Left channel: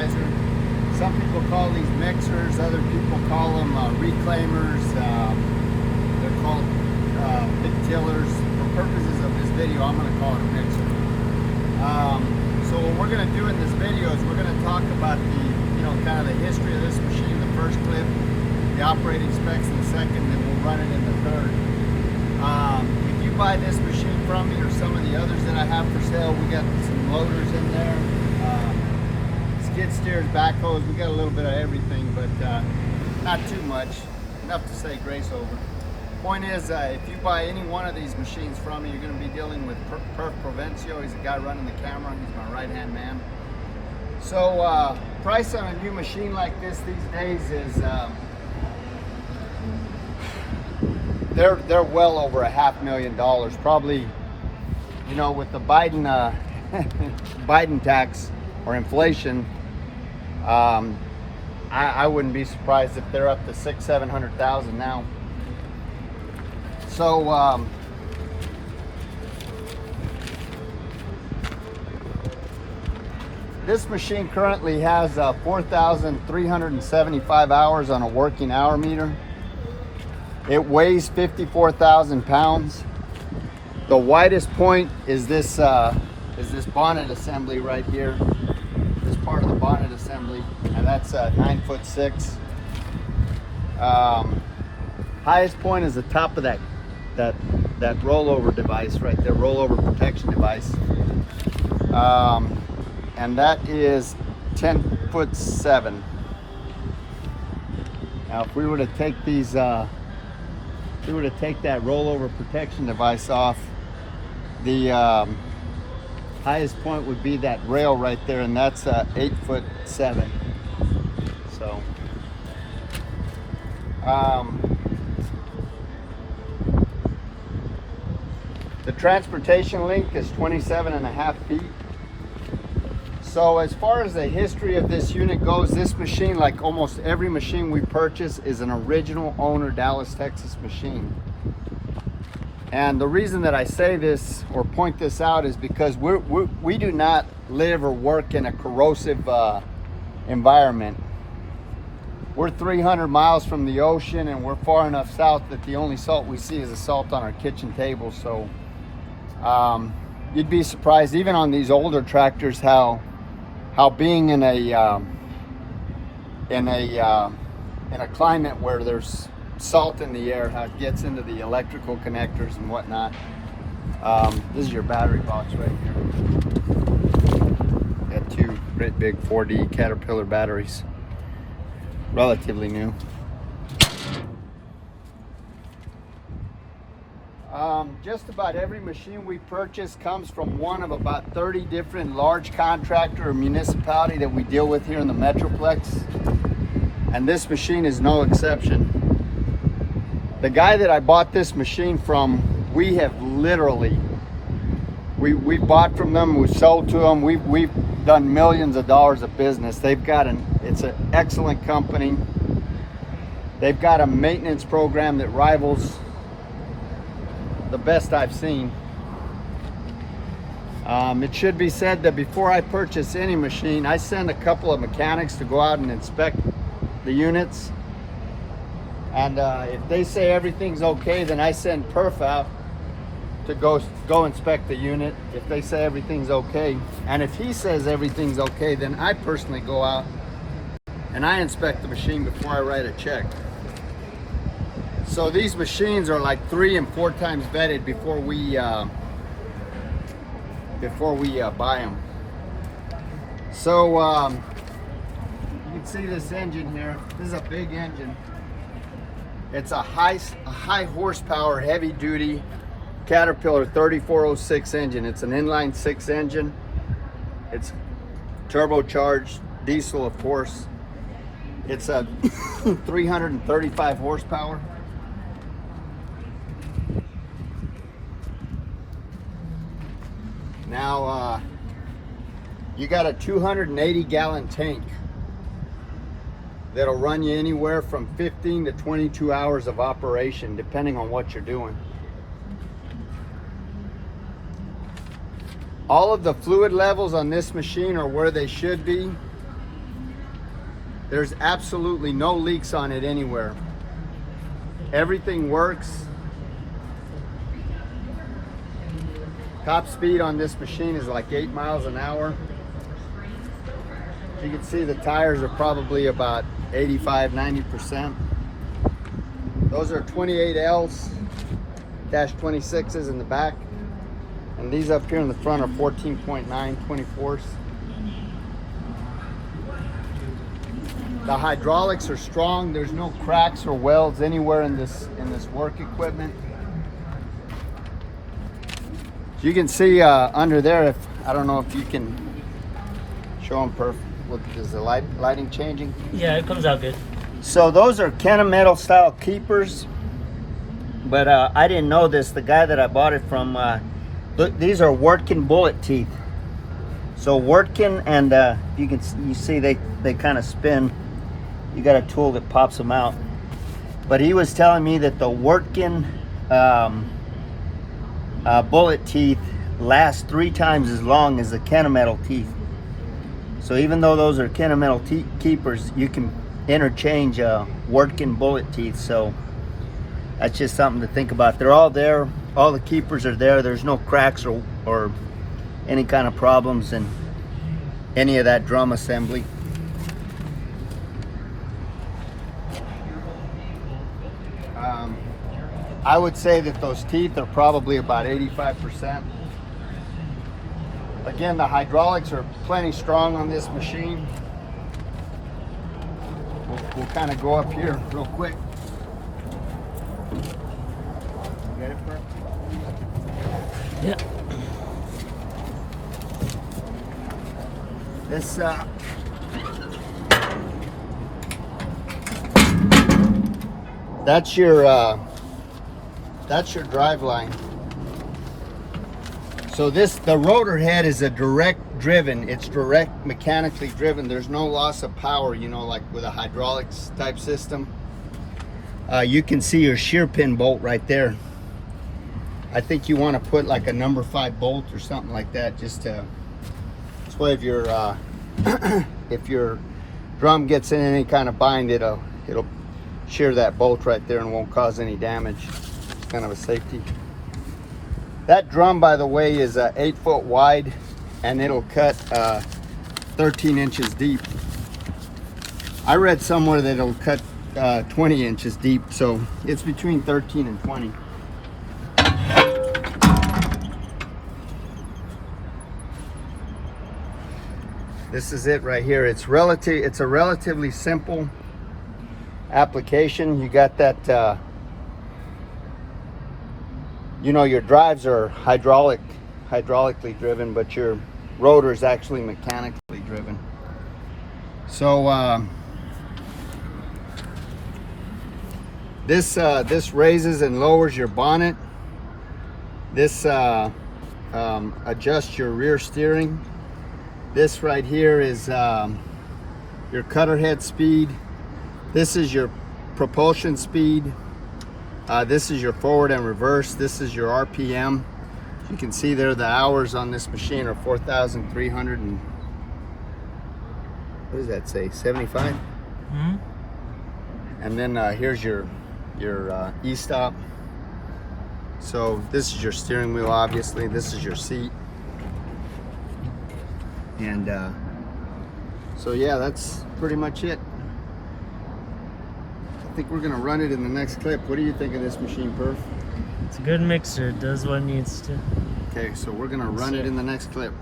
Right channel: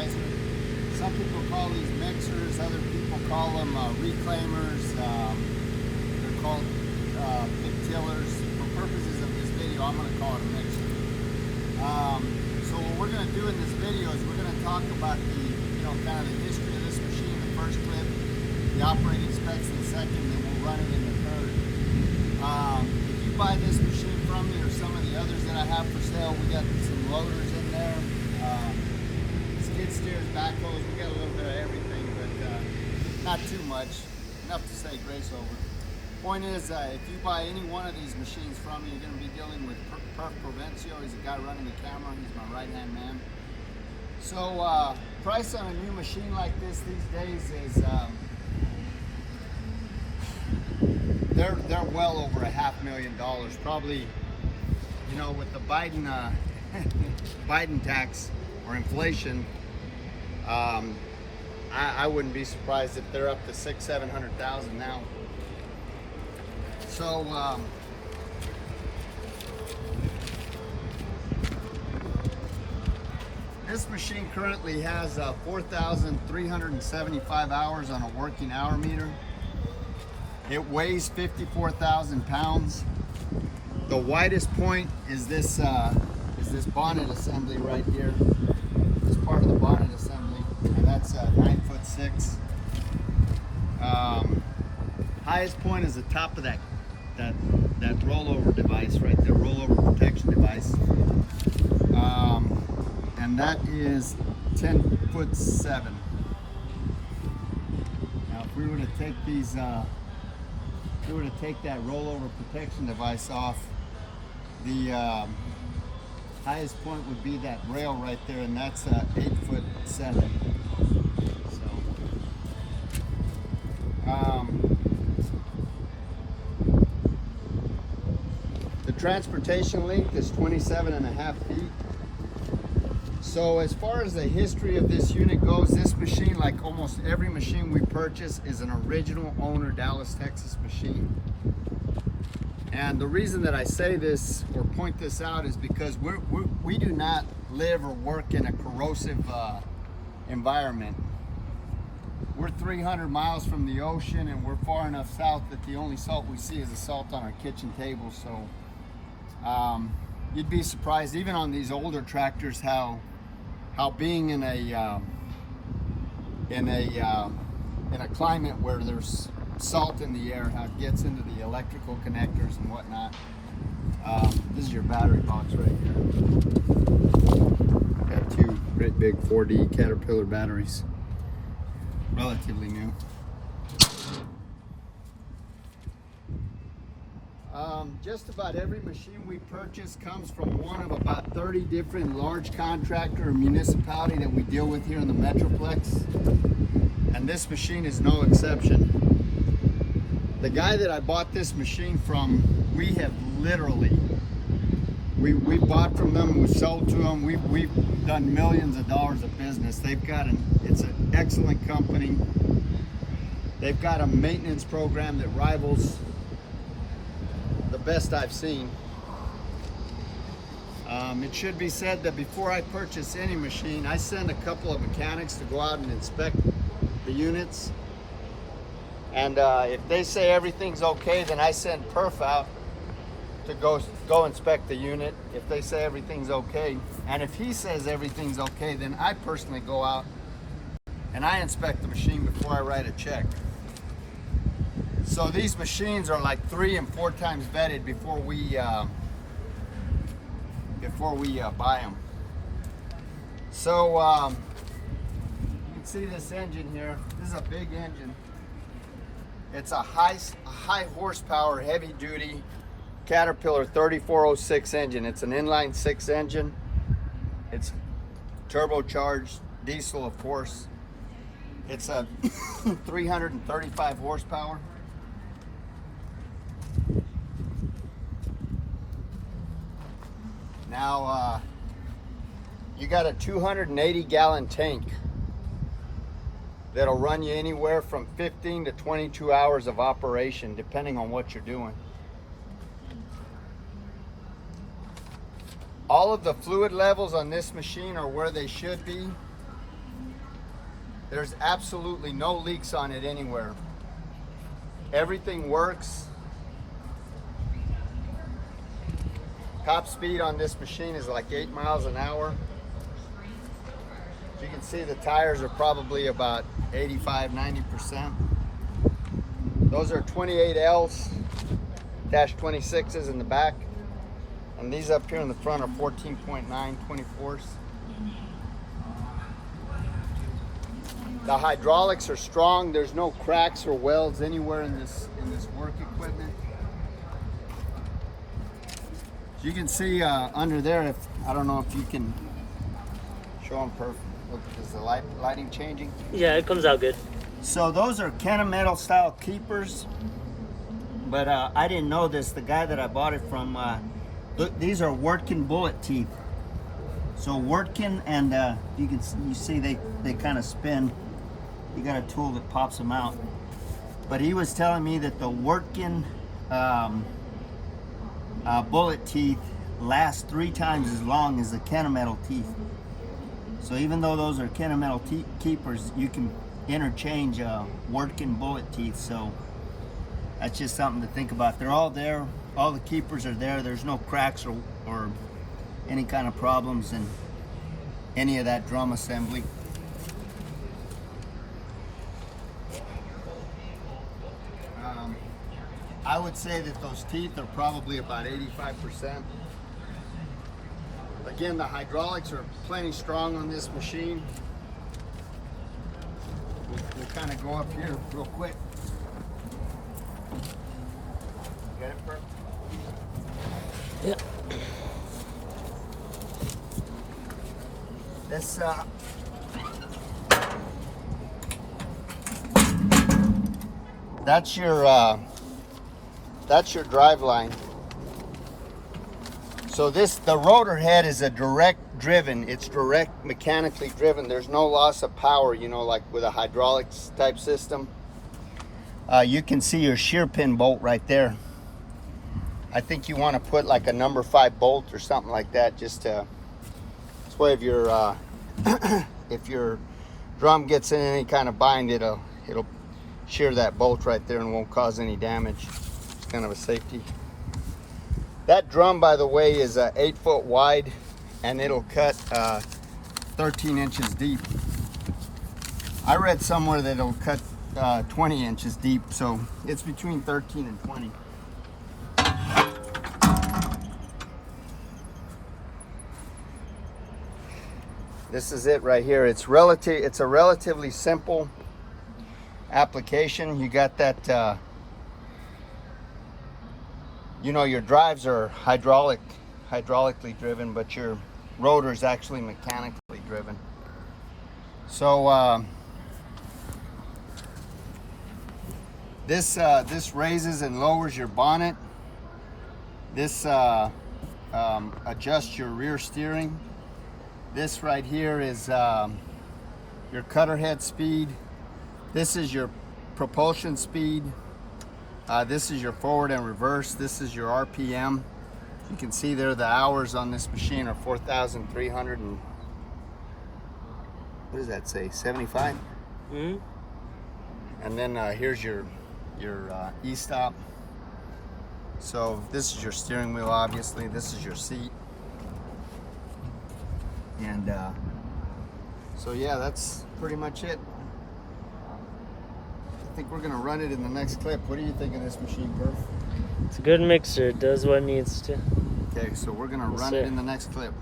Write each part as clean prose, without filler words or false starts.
fertilizer. Some people call these mixers, other people call them reclaimers. They're called pit tillers. For purposes of this video, I'm going to call it a mixer. So what we're going to do in this video is we're going to talk about the, kind of the history of this machine in the first clip, the operating specs in the second, and then we'll run it in the third. If you buy this machine from me or some of the others that I have for sale, we got some loaders in there, skid steers, backhoes, we got a little bit of everything, but not too much, enough to say grace over. Point is, if you buy any one of these machines from me, you're going to be dealing with Perf Provencio. He's the guy running the camera. He's my right-hand man. So, price on a new machine like this these days is they're well over $500,000. Probably, with the Biden Biden tax or inflation, I wouldn't be surprised if they're up to $600,000-700,000 now. So, this machine currently has 4,375 hours on a working hour meter. It weighs 54,000 pounds. The widest point is this bonnet assembly right here. This part of the bonnet assembly, and that's 9'6". Highest point is the top of that rollover device right there, rollover protection device, and that is 10'7". Now, if we were to take these, if we were to take that rollover protection device off, the highest point would be that rail right there, and that's 8'7". So, the transportation length is 27.5 feet. So as far as the history of this unit goes, this machine, like almost every machine we purchase, is an original owner Dallas, Texas machine. And the reason that I say this or point this out is because we do not live or work in a corrosive environment. We're 300 miles from the ocean, and we're far enough south that the only salt we see is the salt on our kitchen table. So you'd be surprised, even on these older tractors, how being in a climate where there's salt in the air, how it gets into the electrical connectors and whatnot. This is your battery box right here. Got two great big 4D Caterpillar batteries, relatively new. Just about every machine we purchase comes from one of about 30 different large contractor or municipality that we deal with here in the Metroplex, and this machine is no exception. The guy that I bought this machine from, we have literally, we bought from them, we sold to them, we've done millions of dollars of business. They've got it's an excellent company. They've got a maintenance program that rivals the best I've seen. It should be said that before I purchase any machine, I send a couple of mechanics to go out and inspect the units. And if they say everything's okay, then I send Perf out to go inspect the unit if they say everything's okay. And if he says everything's okay, then I personally go out and I inspect the machine before I write a check. So these machines are like 3 and 4 times vetted before we buy them. So you can see this engine here. This is a big engine. It's a high horsepower, heavy duty Caterpillar 3406 engine. It's an inline 6 engine. It's turbocharged diesel, of course. It's a 335 horsepower. Now, you got a 280 gallon tank that'll run you anywhere from 15 to 22 hours of operation, depending on what you're doing. All of the fluid levels on this machine are where they should be. There's absolutely no leaks on it anywhere. Everything works. Top speed on this machine is like 8 miles an hour. You can see the tires are probably about 85–90%. Those are 28Ls, -26s in the back. And these up here in the front are 14.9 24s. The hydraulics are strong. There's no cracks or welds anywhere in this work equipment. You can see under there, if I don't know if you can show them perfect. Is the lighting changing? Yeah, it comes out good. So those are Kennametal style keepers, but I didn't know this. The guy that I bought it from, look, these are Wirtgen bullet teeth. So Wirtgen, and you see they kind of spin. You got a tool that pops them out. But he was telling me that the Wirtgen bullet teeth last 3 times as long as the Kennametal teeth. So even though those are Kennametal keepers, you can interchange Wirtgen bullet teeth. So that's just something to think about. They're all there. All the keepers are there. There's no cracks or any kind of problems in any of that drum assembly. I would say that those teeth are probably about 85%. Again, the hydraulics are plenty strong on this machine. We'll kind of go up here real quick. Yeah. This that's your drive line. So the rotor head is a direct driven. It's direct mechanically driven. There's no loss of power, you know, like with a hydraulics type system. You can see your shear pin bolt right there. I think you want to put like a number 5 bolt or something like that, just to, this way if your if your drum gets in any kind of bind, it'll shear that bolt right there and won't cause any damage. It's kind of a safety. That drum, by the way, is 8 foot wide, and it'll cut 13 inches deep. I read somewhere that it'll cut 20 inches deep, so it's between 13 and 20. This is it right here. It's a relatively simple application. You got that. You know, your drives are hydraulically driven, but your rotor is actually mechanically driven. So this raises and lowers your bonnet. This adjusts your rear steering. This right here is your cutter head speed. This is your propulsion speed. This is your forward and reverse. This is your RPM. You can see there the hours on this machine are 4,300 and what does that say? 75. Mm-hmm. And then here's your e-stop. So this is your steering wheel, obviously. This is your seat. And so yeah, that's pretty much it. I think we're gonna run it in the next clip. What do you think of this machine, Perf? It's a good mixer. It does what it needs to. Okay, so we're gonna run Yes, it in the next clip.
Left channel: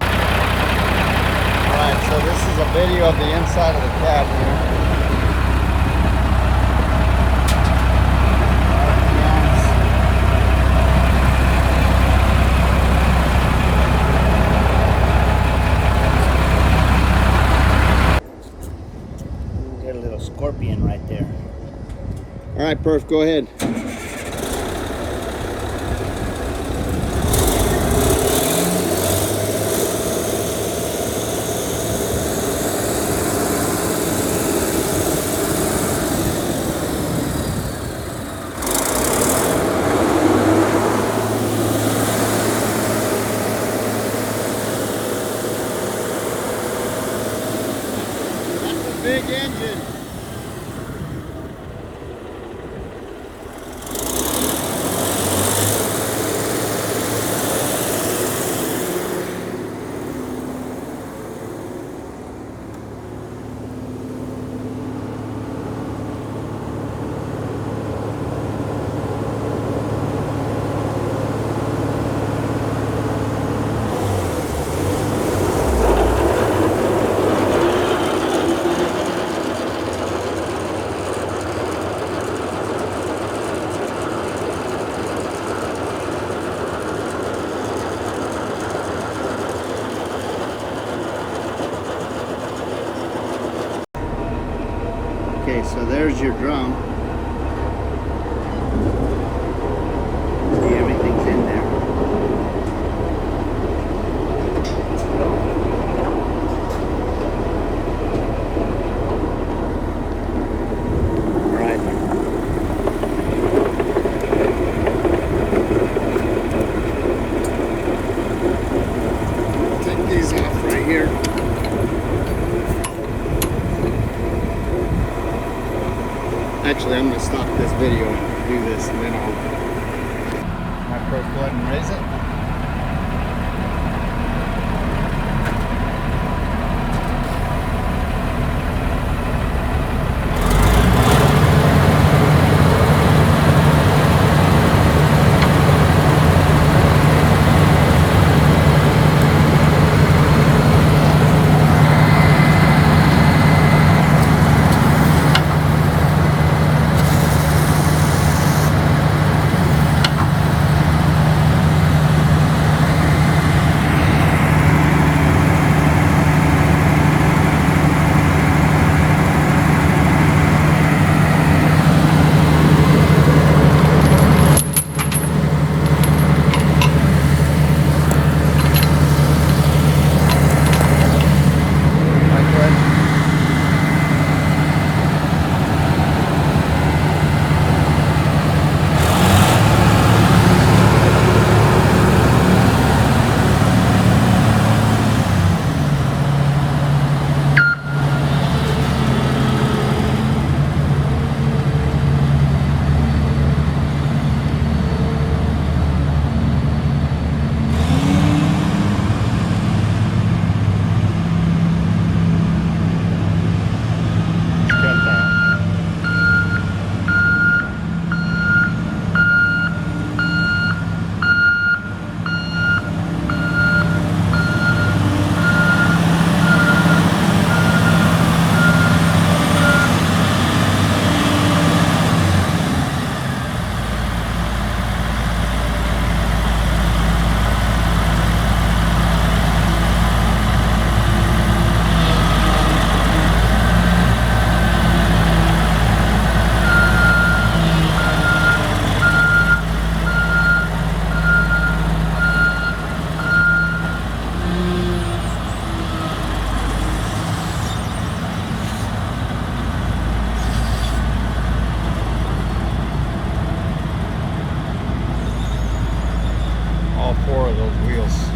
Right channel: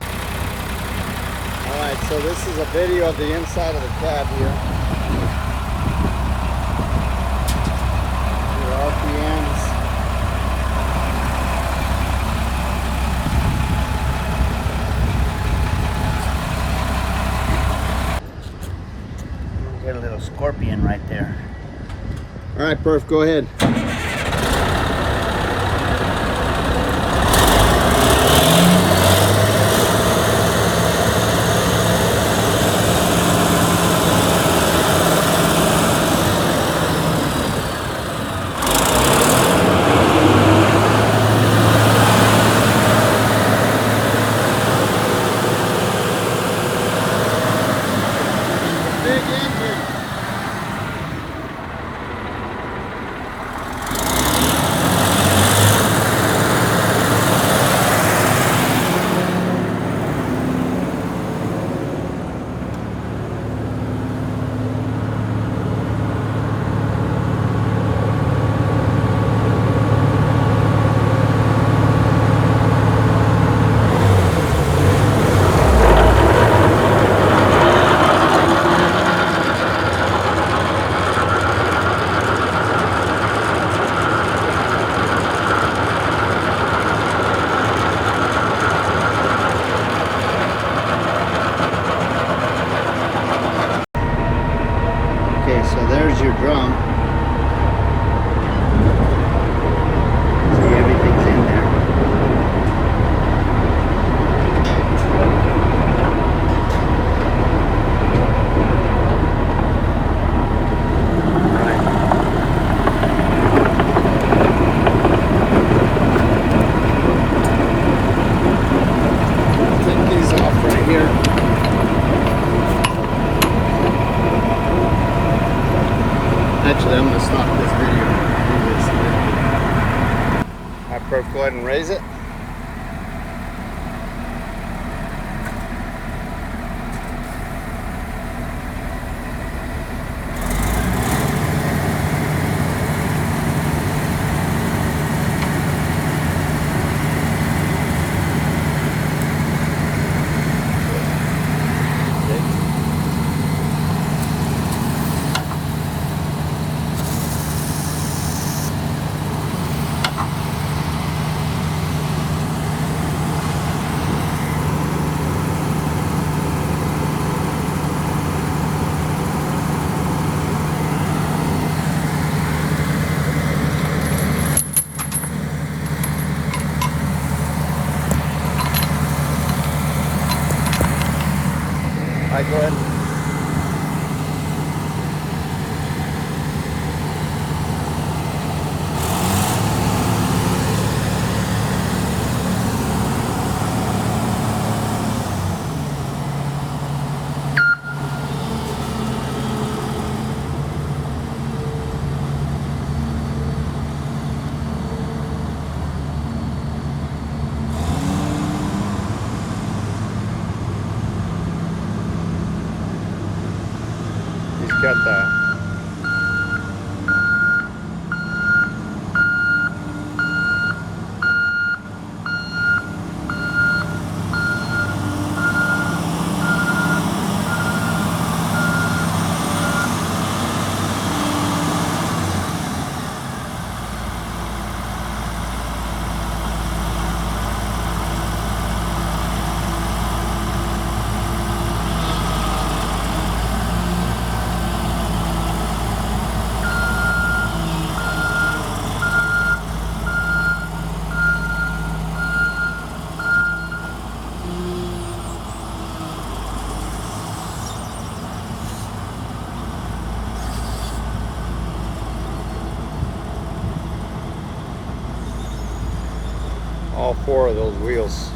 Alright, so this is a video of the inside of the cab here. The RPMs. Get a little scorpion right there. Alright, Perf, go ahead. big engine. Okay, so there's your drum. So everything's in there. Right. Take these off right here. Actually, I'm going to stop this video and do this later on. My pro, go ahead and raise it. Got that. All four of those wheels